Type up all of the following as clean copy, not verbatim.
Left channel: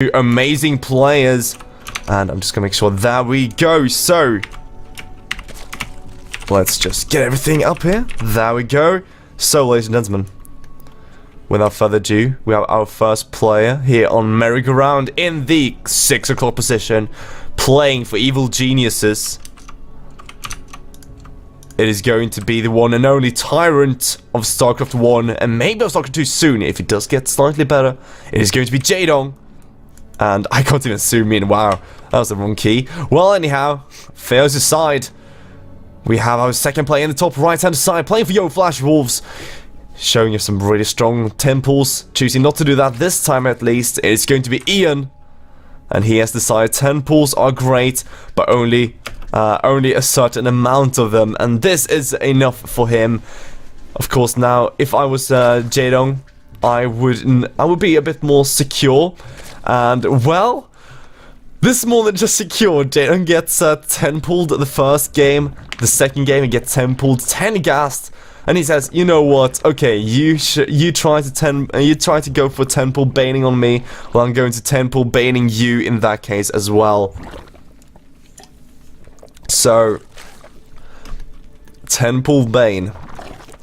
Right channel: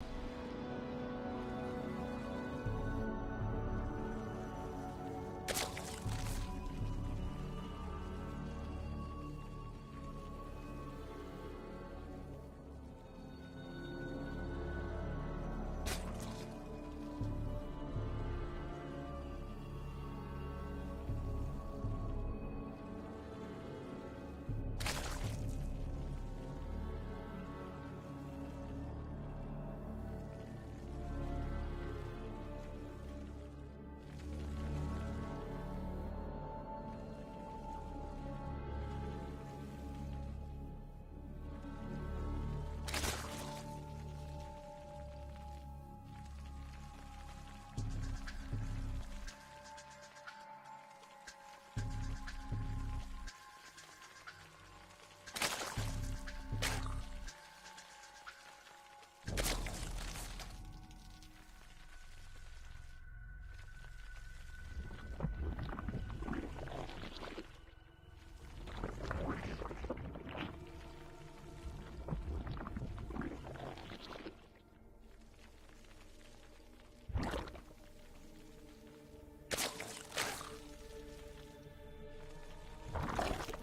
Two amazing players. And I'm just going to make sure that we go. So, let's just get everything up here. There we go. So, ladies and gentlemen, without further ado, we have our first player here on merry-go-round in the 6 o'clock position, playing for Evil Geniuses. It is going to be the one and only Tyrant of StarCraft 1, and maybe of StarCraft 2 soon, if it does get slightly better. It is going to be Jaedong. And I can't even zoom in, wow, that was the wrong key. Well, anyhow, fails aside, we have our second player in the top right-hand side, playing for Yo Flash Wolves. Showing you some really strong temples, choosing not to do that this time at least. It's going to be Ian. And he has decided temples are great, but only a certain amount of them. And this is enough for him. Of course, now, if I was Jaedong, I would be a bit more secure. And, well, this is more than just secure. Jaedong gets 10 pulled the first game. The second game, he gets 10 pulled, 10 gassed. And he says, you know what, okay, you try to go for 10 pull baning on me. Well, I'm going to 10 pull baning you in that case as well. So, 10 pull bane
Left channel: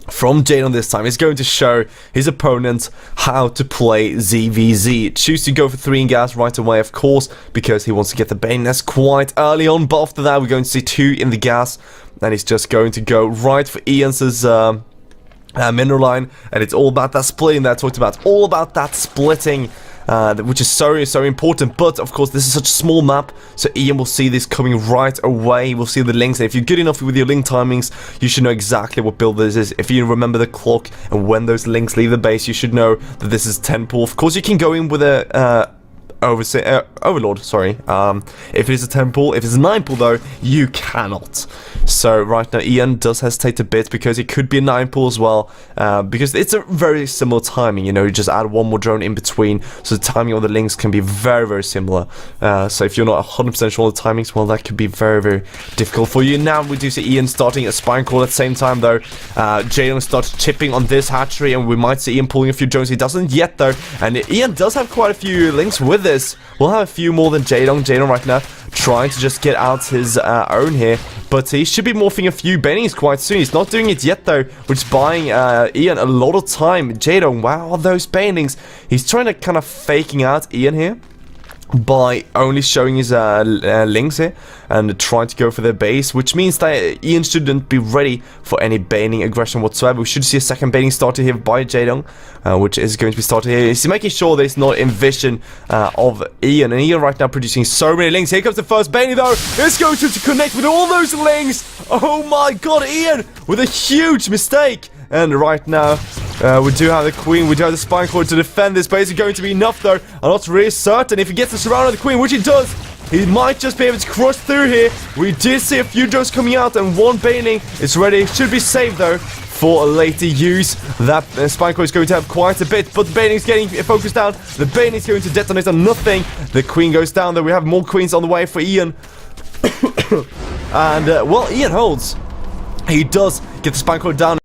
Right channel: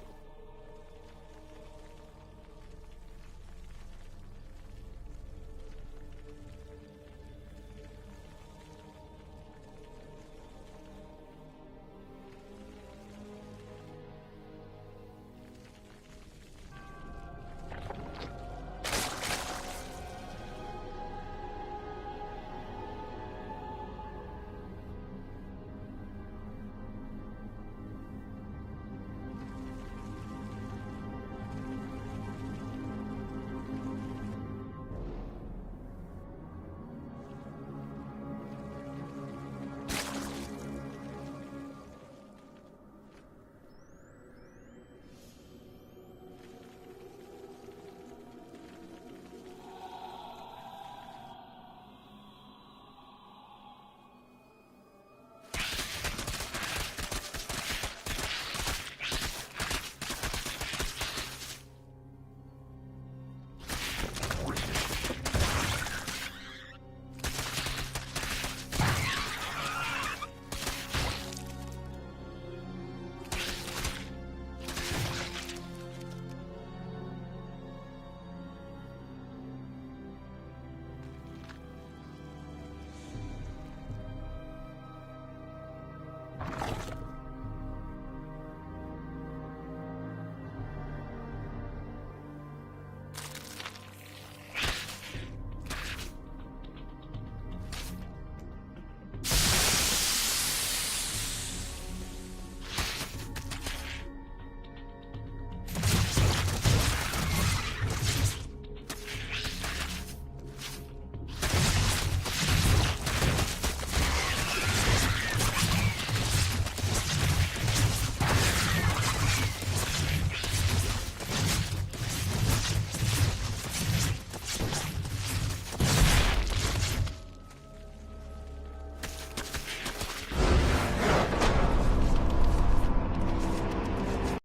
from Jaedong this time is going to show his opponent how to play ZVZ. Choose to go for 3 in gas right away, of course, because he wants to get the bane nest quite early on. But after that, we're going to see 2 in the gas. And he's just going to go right for Ian's mineral line. And it's all about that splitting that I talked about. All about that splitting, which is so important. But, of course, this is such a small map. So Ian will see this coming right away. We'll see the links. And if you're good enough with your link timings, you should know exactly what build this is. If you remember the clock and when those links leave the base, you should know that this is 10 pull. Of course, you can go in with a... Overlord, sorry. If it is a 10 pull, if it's a 9 pull though, you cannot. So right now Ian does hesitate a bit because it could be a 9 pull as well, because it's a very similar timing, you know, you just add one more drone in between, so the timing of the links can be very similar. So if you're not 100% sure on the timings, well, that could be very difficult for you. Now we do see Ian starting a spine call at the same time though. Jaedong starts chipping on this hatchery, and we might see Ian pulling a few drones. He doesn't yet though, and Ian does have quite a few links with this. We'll have a few more than Jaedong. Jaedong right now trying to just get out his own here, but he should be morphing a few banings quite soon. He's not doing it yet though, which is buying Ian a lot of time. Jaedong, wow, those banings. He's trying to kind of faking out Ian here by only showing his links here and trying to go for their base, which means that Ian shouldn't be ready for any baning aggression whatsoever. We should see a second baning started here by Jaedong, which is going to be started here. He's making sure there's not in vision of Ian, and Ian right now producing so many links. Here comes the first baning though. It's going to connect with all those links. Oh my god, Ian with a huge mistake. And right now, we do have the Queen, we do have the Spine Cord to defend this, but is it going to be enough though? I'm not really certain. If he gets the surround of the Queen, which he does, he might just be able to crush through here. We did see a few drones coming out, and one baning is ready. Should be saved though for a later use. That Spine Cord is going to have quite a bit, but the baning is getting focused down. The baning is going to detonate on nothing. The Queen goes down though. We have more Queens on the way for Ian. And, well, Ian holds. He does get the Spine Cord down.